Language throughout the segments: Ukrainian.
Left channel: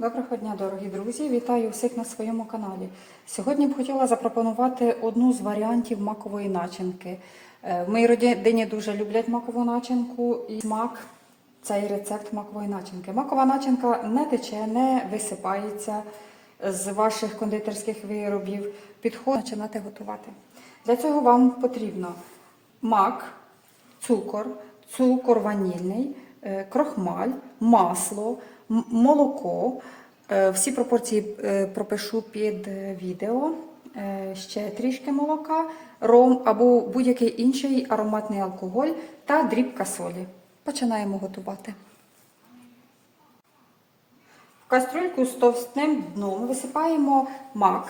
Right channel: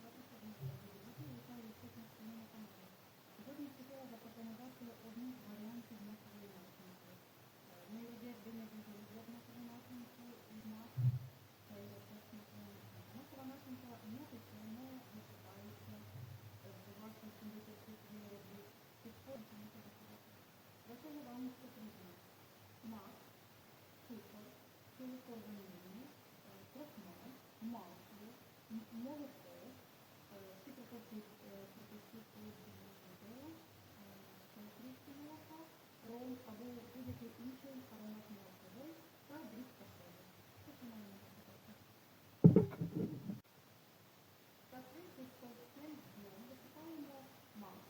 Доброго дня, дорогі друзі! Вітаю всіх на своєму каналі. Сьогодні б хотіла запропонувати одну з варіантів макової начинки. Е, В моїй родині дуже люблять макову начинку і смак цей рецепт макової начинки. Макова начинка не тече, не висипається з ваших кондитерських виробів. Підходить починати готувати. Для цього вам потрібно мак, цукор, цукор ванільний, е, крохмаль, масло, молоко. Е, Всі пропорції е, пропишу під е, відео. Ще трішки молока, ром або будь-який інший ароматний алкоголь та дрібка солі. Починаємо готувати. В кастрюльку з товстим дном висипаємо мак.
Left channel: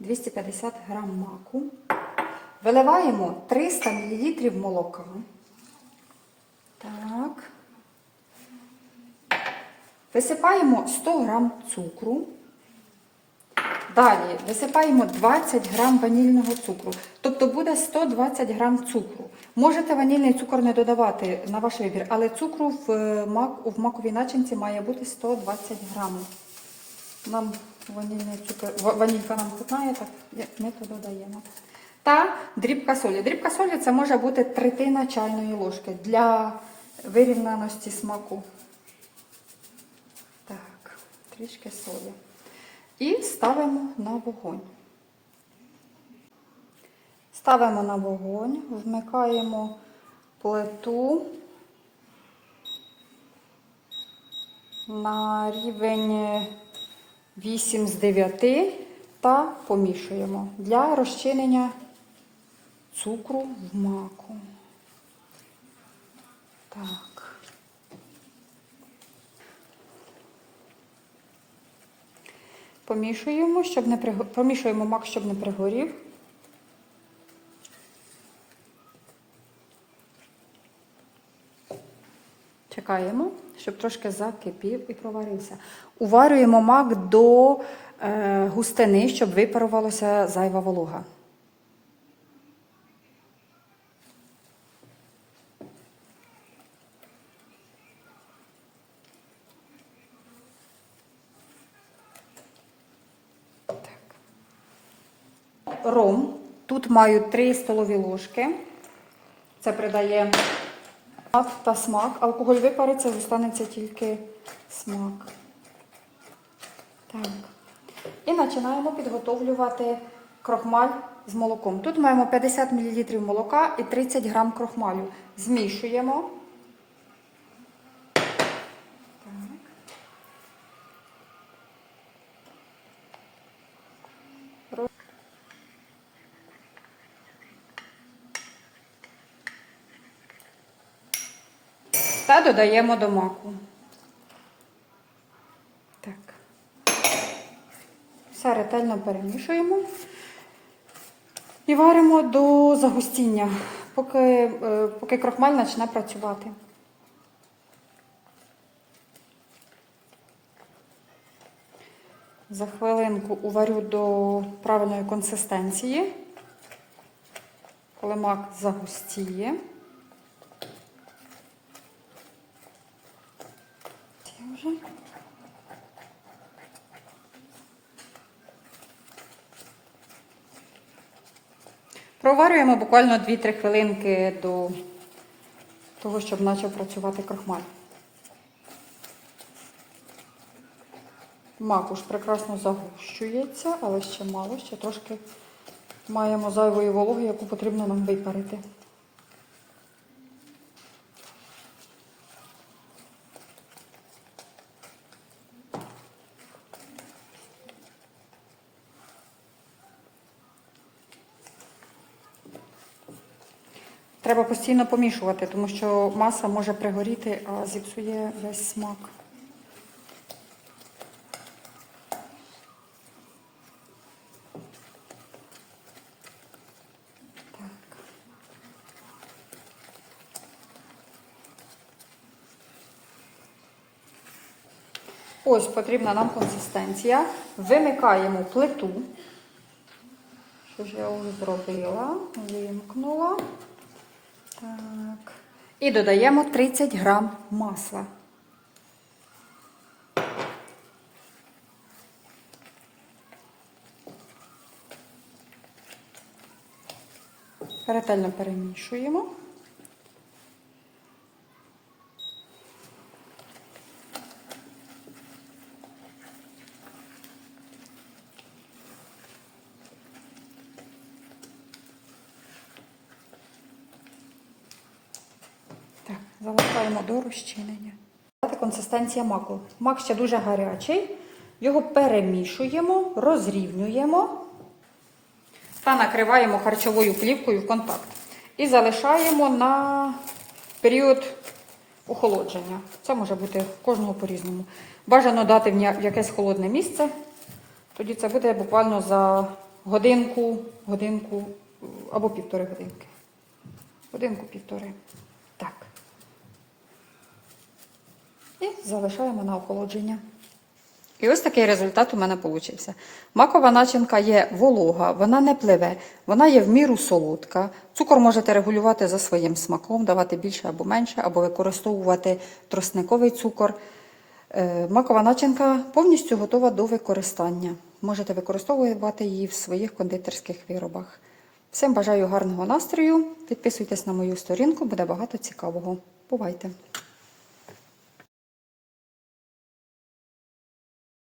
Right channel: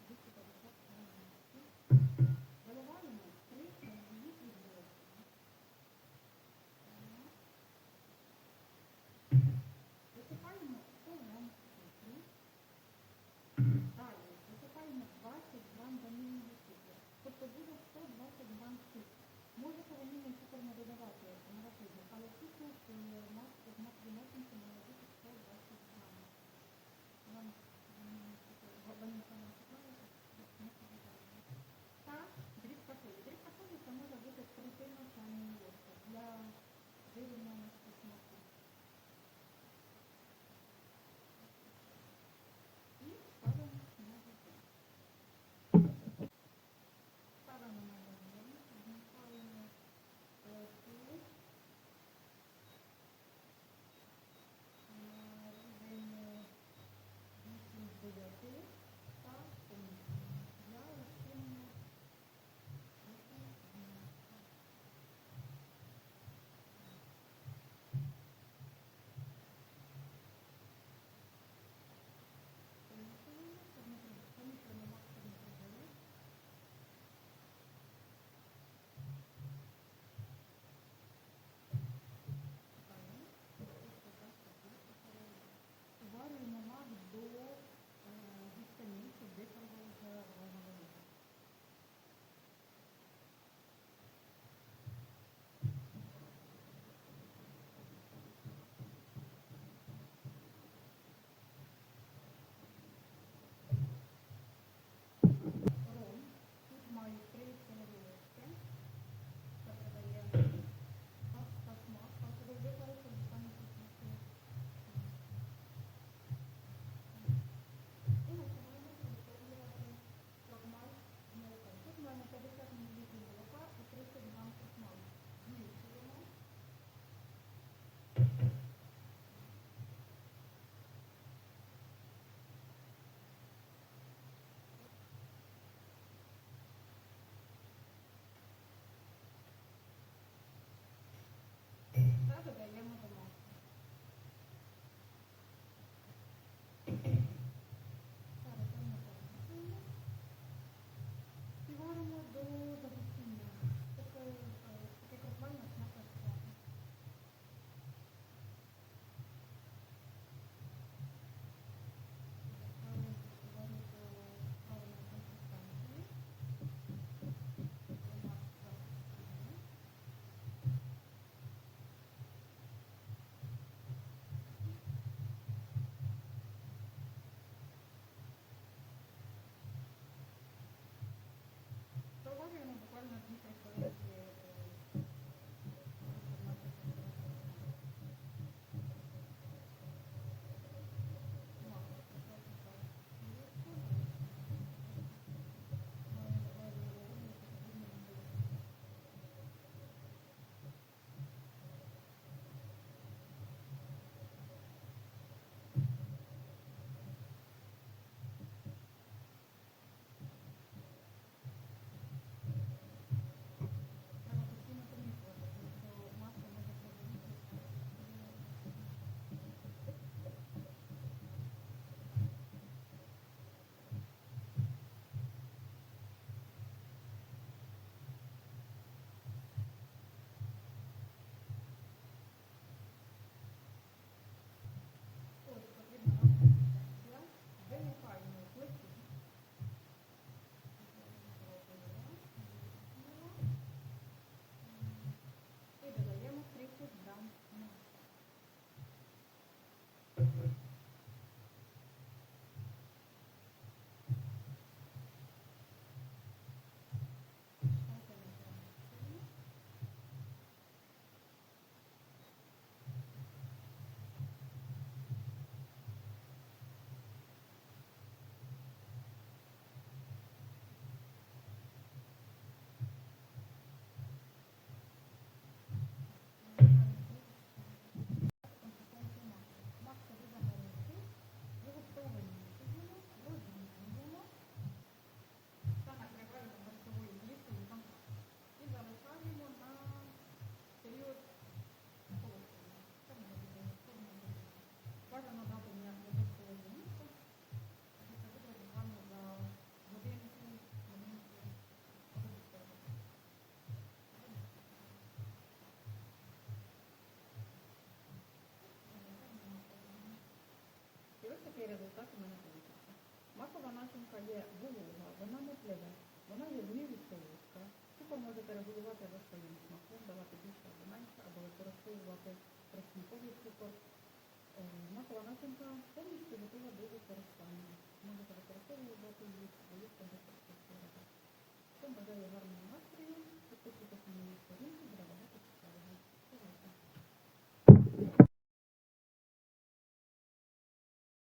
250 грам маку. Виливаємо 300 мл молока. Так. Висипаємо 100 грам цукру. Далі висипаємо 20 грам ванільного цукру. Тобто буде 120 грам цукру. Можете ванільний цукор не додавати на ваш вибір, але цукру в, е, мак, в маковій начинці має бути 120 грамів. Нам ванільний цукор, ванілька нам хватає, так ми то додаємо. Та дрібка солі. Дрібка солі це може бути третина чайної ложки для вирівняності смаку. Трішки солі. І ставимо на вогонь. Ставимо на вогонь, вмикаємо плиту на рівень 8 з 9 та помішуємо для розчинення цукру в маку. Так. Помішуємо, щоб не приго... помішуємо мак, щоб не пригорів. Чекаємо, щоб трошки закипів і проварився. Уварюємо мак до е, густини, щоб випарувалася зайва волога. Ром. Тут маю 3 столові ложки. Це придає аромат та смак. Алкоголь випариться, зостанеться тільки смак. Так. І починаємо підготовлювати крохмаль з молоком. Тут маємо 50 мл молока і 30 г крохмалю. Змішуємо. Додаємо до маку. Так. Все ретельно перемішуємо і варимо до загустіння, поки, е, поки крохмаль почне працювати. За хвилинку уварю до правильної консистенції, коли мак загустіє. Проварюємо буквально 2-3 хвилинки до того, щоб почав працювати крохмаль. Макуш прекрасно загущується, але ще мало, ще трошки маємо зайвої вологи, яку потрібно нам випарити. Треба постійно помішувати, тому що маса може пригоріти, а зіпсує весь смак. Ось потрібна нам консистенція. Вимикаємо плиту. Що ж я вже зробила? Вимкнула. І додаємо 30 грам масла. Ретельно перемішуємо. Залишаємо до розчинення. Консистенція маку. Мак ще дуже гарячий. Його перемішуємо, розрівнюємо та накриваємо харчовою плівкою в контакт. І залишаємо на період охолодження. Це може бути кожного по-різному. Бажано дати в якесь холодне місце. Тоді це буде буквально за годинку, годинку е, або півтори годинки. Годинку-півтори. Так. І залишаємо на охолодження. І ось такий результат у мене вийшов. Макова начинка є волога, вона не пливе, вона є в міру солодка. Цукор можете регулювати за своїм смаком, давати більше або менше, або використовувати тростниковий цукор. Е, Макова начинка повністю готова до використання. Можете використовувати її в своїх кондитерських виробах. Всім бажаю гарного настрою. Підписуйтесь на мою сторінку, буде багато цікавого. Бувайте!